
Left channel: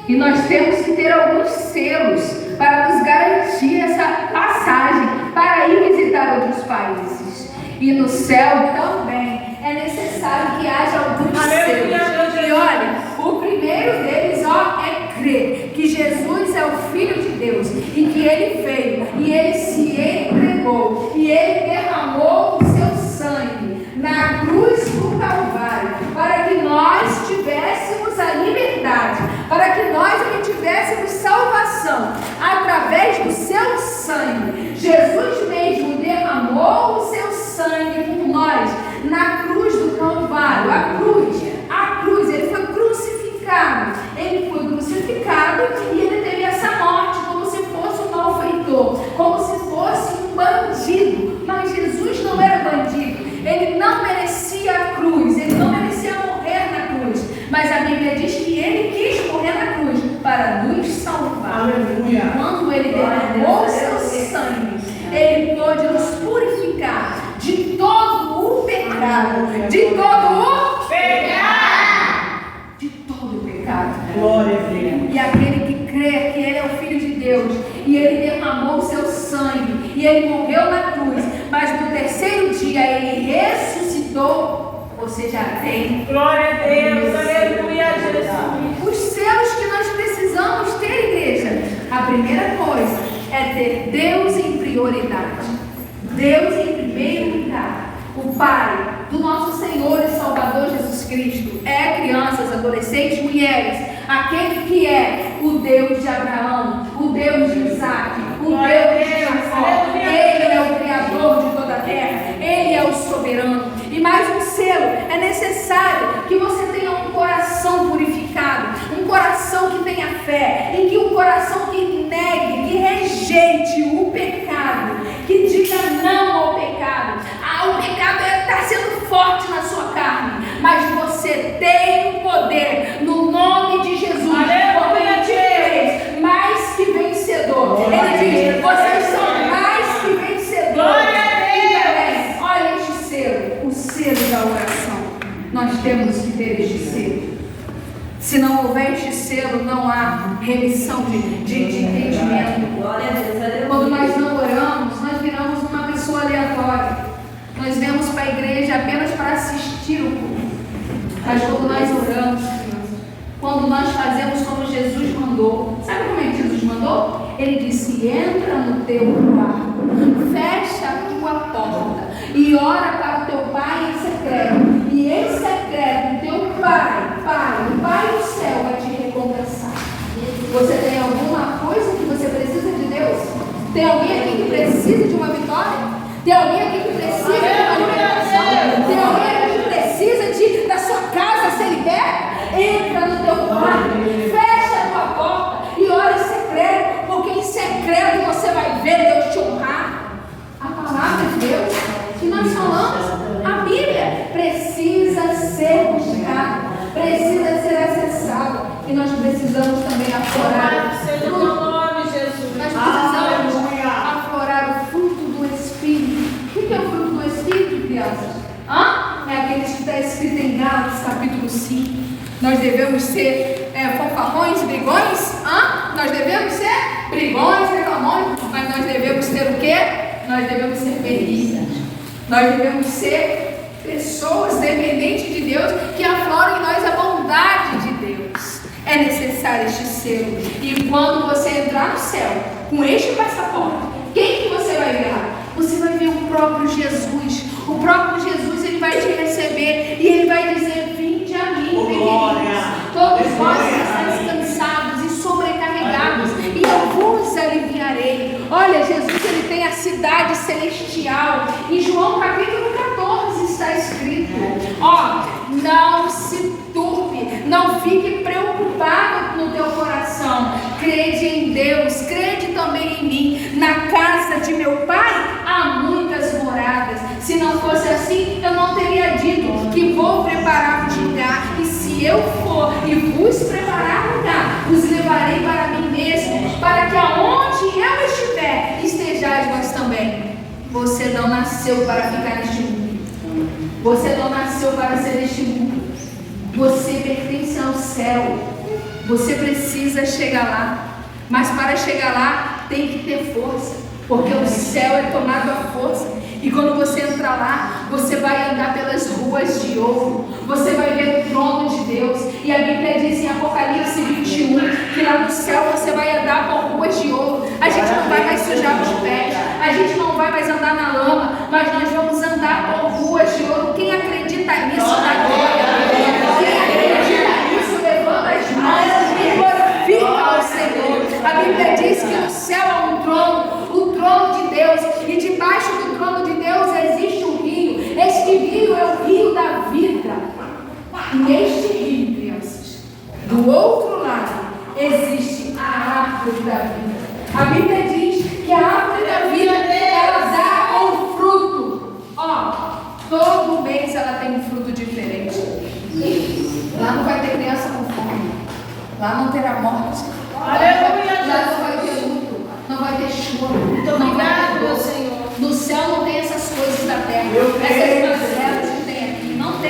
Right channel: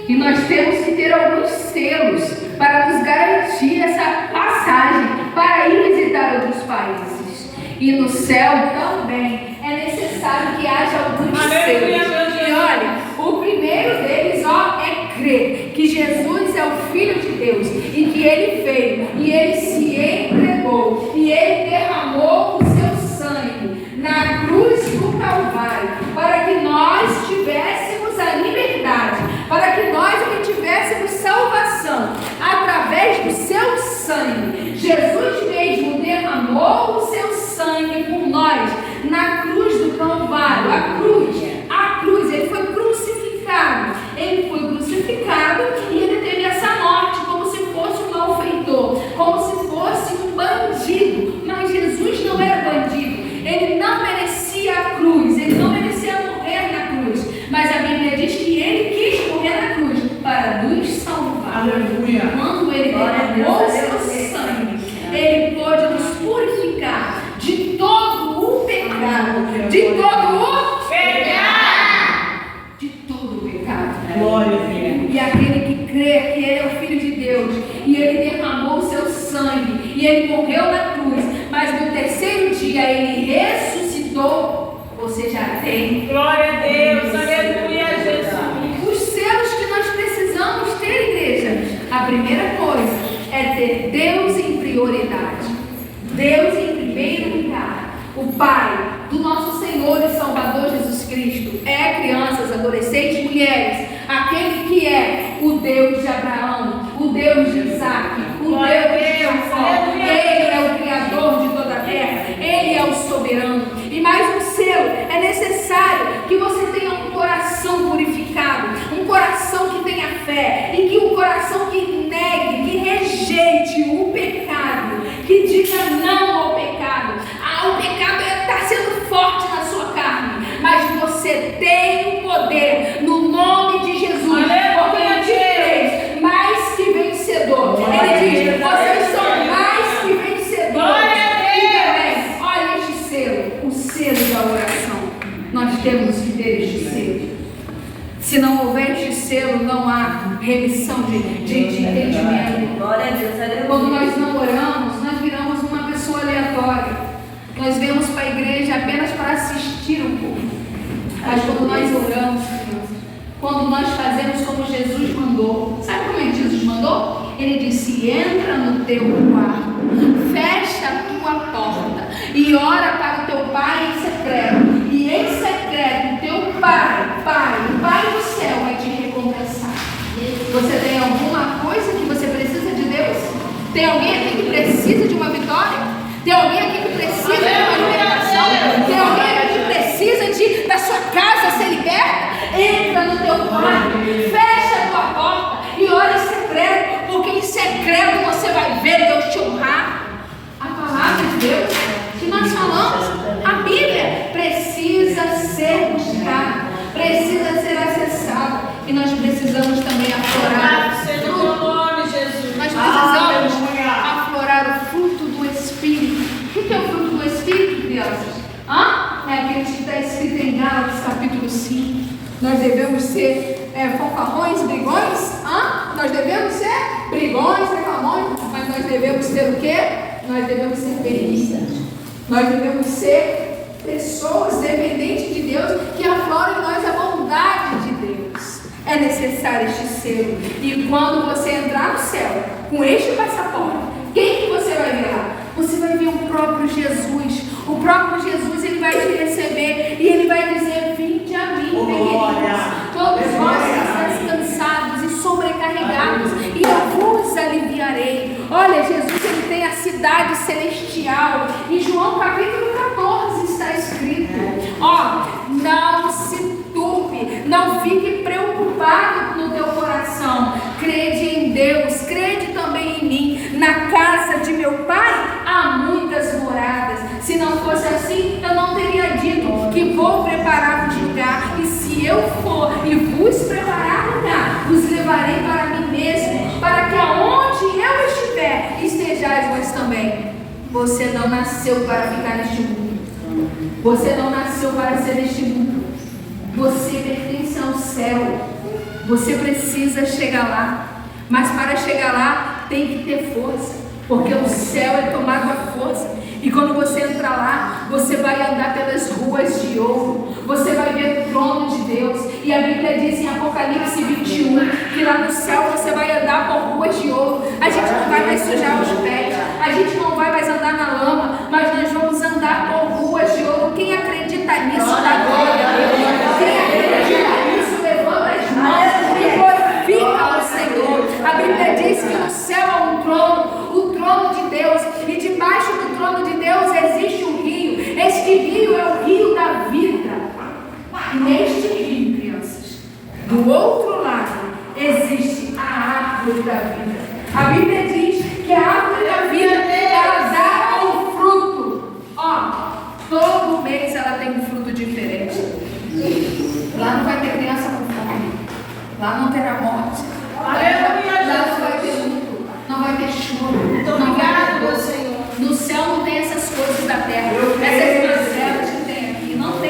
E nós temos que ter alguns selos para nos garantir essa passagem para ir visitar outros países. E no céu também é necessário que haja alguns selos. E olha, o primeiro deles é crer que Jesus é o Filho de Deus e que Ele veio e Ele se entregou e Ele derramou o seu sangue na cruz do Calvário para que nós tivéssemos De todo o Pecado. de todo o pecado. Glória a Deus. E aquele que crê que Ele é o Filho de Deus, e Ele derramou o seu sangue, e Ele morreu na cruz, mas no terceiro dia Ele ressuscitou, você já tem Glória a Deus. Aleluia, Jesus. os selos que nós precisamos ter, igreja. A primeira coisa é ter Deus em prioridade. Deus em primeiro lugar. O Pai do nosso Senhor e Salvador Jesus Cristo é crianças, adolescentes, mulheres, aquele que é o Deus de Abraão, o Deus de Isaac, o Deus de Jacó. Ele é o Criador de toda a terra, Ele é o soberano. E mais um selo: é necessário que você tenha um coração purificado, um coração que tenha fé, e que um coração que negue, que rejeite o pecado, que diga não ao pecado. O pecado está sendo forte na sua carne, mas você tem o poder no nome de Jesus, porque Ele te fez mais que vencedor. Ele diz: vocês são mais que vencedores. E também, olha este selo, o selo da oração. Nós temos que ter este selo. Se não houver este selo, não há remissão de entendimento. Glória a Deus. Quando nós não oramos, nós viramos uma pessoa aleatória. Nós vemos para a igreja apenas para assistir o culto. Mas quando nós oramos, quando nós fazemos como Jesus mandou, sabe como é que Jesus mandou? Ele disse: entra no teu quarto, fecha a tua porta e ora para o teu pai em secreto. E em secreto, o teu pai, o Pai do céu vai te recompensar. Você tem alguma coisa que você precisa de Deus? Tem alguém aqui que precisa de uma vitória? Tem alguém aqui que precisa de uma libertação? Tem alguém aqui que precisa da sua casa ser liberta? Entra no teu quarto, fecha a tua porta e ora em secreto, porque em secreto você vai ver Deus te honrar. A palavra de Deus que nós falamos, a Bíblia precisa ser buscada, precisa ser acessada, e nós precisamos também aflorar o Seja o teu nome, Jesus. Nós precisamos aflorar o fruto do Espírito. O que é o fruto do Espírito, crianças? É aquele que está escrito em Gálatas capítulo 5. Nós devemos ser fanfarrões, brigões? Nós devemos ser brigões, reclamões, mas nós devemos ter o quê? Nós devemos ser felizes. Nós devemos ser pessoas dependentes de Deus, que afloram em nós a bondade de Deus. É necessário este selo. E quando você entrar no céu com este passaporte, quem que você vai ver lá? Você vai ver o próprio Jesus. O próprio Jesus, Ele vai te receber e Ele vai dizer: vinde a mim, pequeninos, todos vós que estáis cansados e sobrecarregados, e eu vos aliviarei. Olha, Jesus, Ele tem a cidade celestial. Em João capítulo 14 está escrito: não se turbe, não fique preocupado no teu coração, crede em Deus, crede também em mim. Na casa de meu Pai há muitas moradas. Se não fosse assim, eu não teria dito que vou preparar-vos lugar. E se eu for e vos preparar lugar, os levarei para mim mesmo, para que aonde eu estiver, estejais vós também. Você não nasceu para ficar neste mundo. Você não nasceu para ser neste mundo. Você pertence ao céu. Você precisa chegar lá. Mas para chegar lá, tem que ter força, porque o céu é tomado à força. E quando você entrar lá, você vai andar pelas ruas de ouro, você vai ver o trono de Deus. E a Bíblia diz em Apocalipse 21 que lá no céu você vai andar por ruas de ouro. A gente não vai mais sujar os pés, a gente não vai mais andar na lama, mas nós vamos andar por ruas de ouro. Quem acredita nisso, dá glória a Deus. Quem acredita nisso, levanta as mãos e glorifica ao Senhor. A Bíblia diz que no céu há um trono, o trono de Deus, e debaixo do trono de Deus existe um rio. Este rio é o rio da vida. E neste rio, crianças, do outro lado existe a árvore da vida. A Bíblia diz que a árvore da vida, ela dá um fruto. Todo mês ela tem um fruto diferente. Lá não vai ter criança com fome, lá não terá morte, lá não vai ter luto, não vai ter choro, não vai ter dor. No céu não tem essas coisas da terra, essas mazelas que tem aqui, não tem.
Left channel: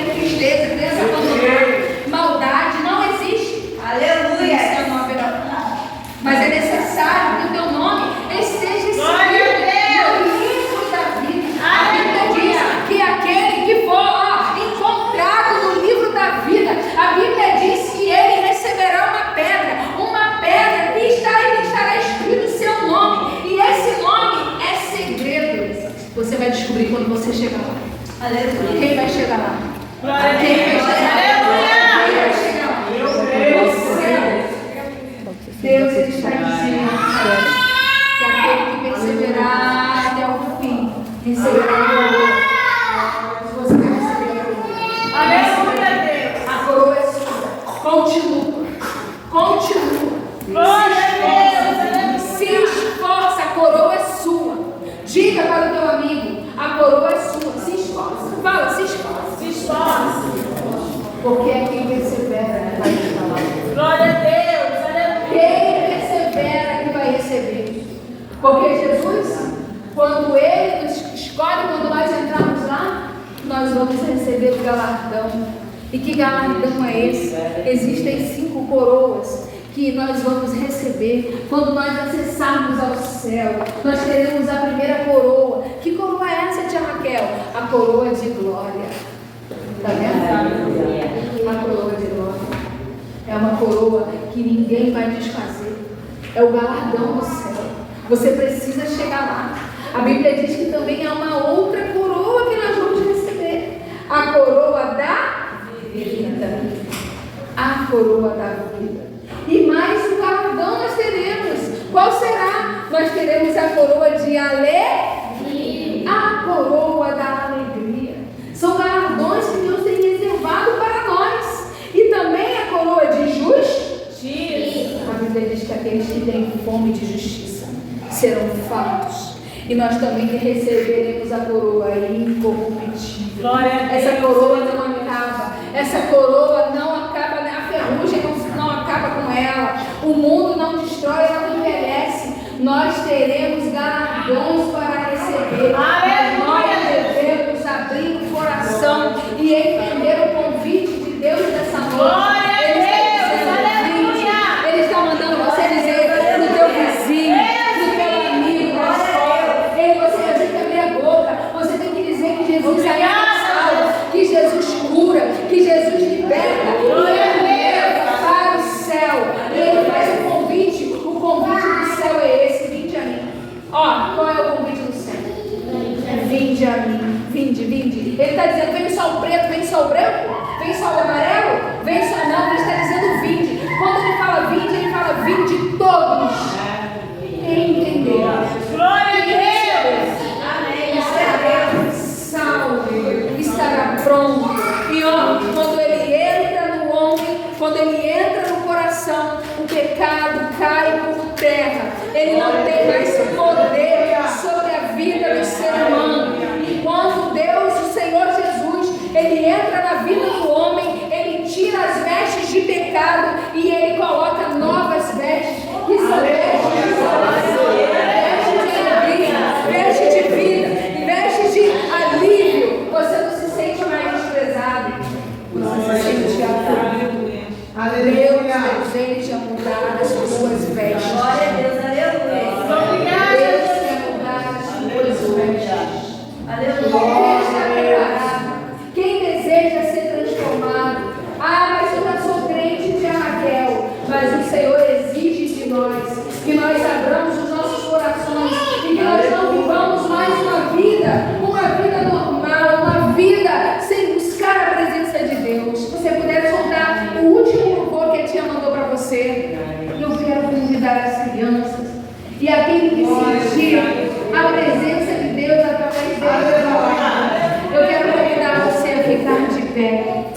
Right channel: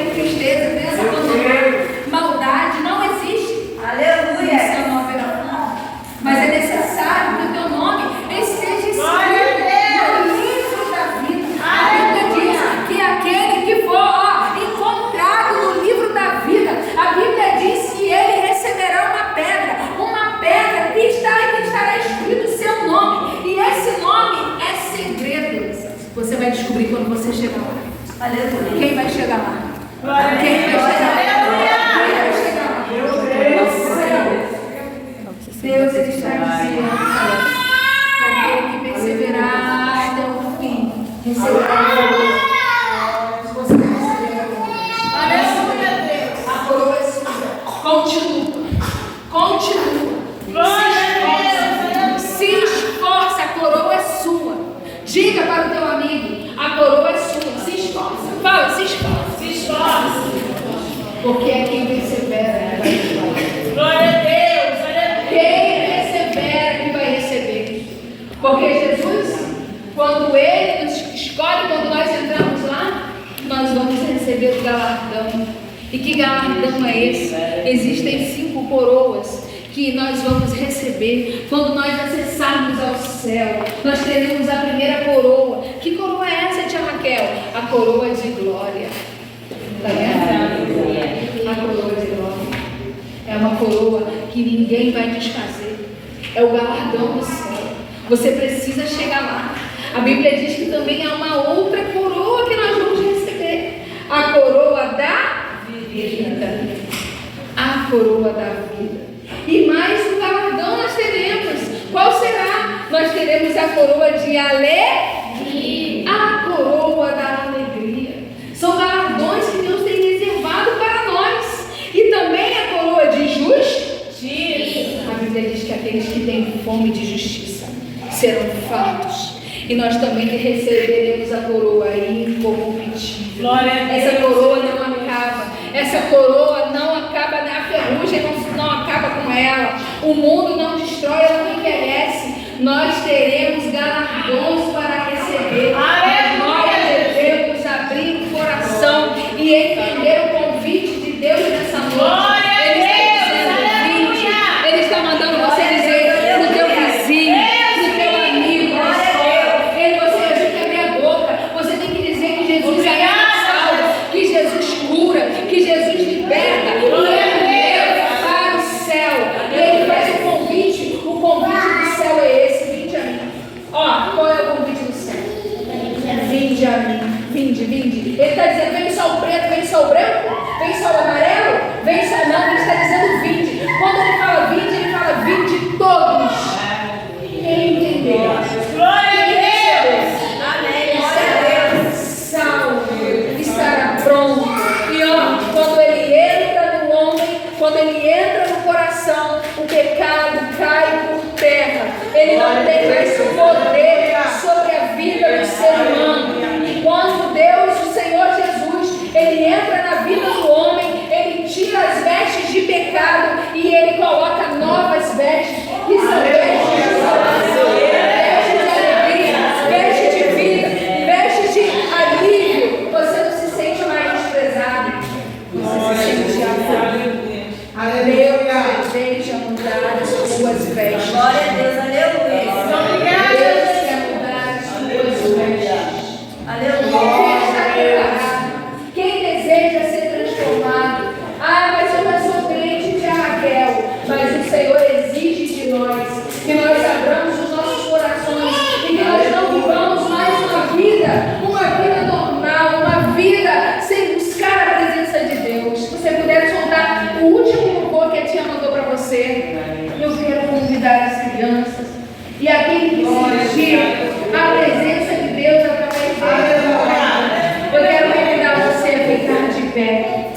Quem vai chegar lá? Glória a Quem vai Deus. chegar lá? Quem vai chegar lá? Deus, Ele está dizendo que aquele que perseverar até o fim receberá a coroa. Você receberá a coroa. Aleluia, Deus. A coroa é sua. Continua. Continua. Glória a Deus. Se esforça, a coroa é sua. Diga para o teu amigo, a coroa é sua. Se esforça. Fala, se esforça. Se esforce. Porque é quem persevera que vai falar. Glória a Deus. Aleluia. Quem persevera que vai receber. Porque Jesus, quando Ele nos escolhe, quando nós entramos lá, nós vamos receber o galardão. E que galardão é esse? Existem 5 coroas que nós vamos receber quando nós acessarmos ao céu. Nós teremos a primeira coroa. Que coroa é essa, tia Raquel? A coroa de glória. Está vendo? A coroa de glória. É uma coroa que ninguém vai desfazer. É o galardão do céu. Você precisa chegar lá. A Bíblia diz que também há uma outra coroa que nós vamos receber. A coroa da vida. A coroa da vida. E mais um galardão nós teremos. Qual será? Nós teremos a coroa de alegria. A coroa da alegria. São galardões que Deus tem reservado para nós. E também a coroa de justiça. A Bíblia diz que aqueles que têm fome de justiça serão fartos. E nós também receberemos a coroa incorruptível. Glória a Deus. Essa coroa não acaba. Essa coroa não acaba, a ferrugem não acaba com ela. O mundo não destrói, ela não envelhece. Nós teremos galardões para receber. Mas nós devemos abrir o coração e entender o convite de Deus nessa noite. Ele está mandando você dizer no teu vizinho, no teu amigo, na escola. Você tem que abrir a boca. Você tem que dizer que Jesus é salvo, que Jesus cura, que Jesus liberta, que Ele leva para o céu. E Ele faz um convite. O convite do céu é esse: vinde a mim. Ó, qual é o convite do céu? Vinde a mim. Vinde, vinde. Ele está dizendo: vem só o preto, vem só o branco, vem só o amarelo, vem só. Não, ele está dizendo: vinde. Quando ele fala vinde todos. Quem entendeu? Glória a Deus. Estará salvo, estará pronto. E ó, quando ele entra no homem, quando ele entra no coração, o pecado cai por terra. Ele não tem mais poder sobre a vida do ser humano. E quando Deus, o Senhor Jesus, ele entra na vida do homem, ele tira as vestes de pecado e ele coloca novas vestes, que são vestes de salvação, vestes de alegria, vestes de vida, vestes de alívio. Você não se sente mais desprezado, você se sente acolhido. Deus deseja mudar as tuas vestes. Glória a Deus, aleluia. Deus quer mudar as tuas vestes. Aleluia. Quem está preparado? Quem deseja ser transformado? Ah, mas eu já sou crente de Raquel. Mas o Senhor exige de nós que nós abramos os nossos corações e que nós não vivamos mais uma vida normal, uma vida sem buscar a presença de Deus. Se você puder soltar o último louvor que a tia mandou para você, eu quero convidar as crianças e aquele que sentir a presença de Deus através dele. Eu quero convidar você a ficar de pé.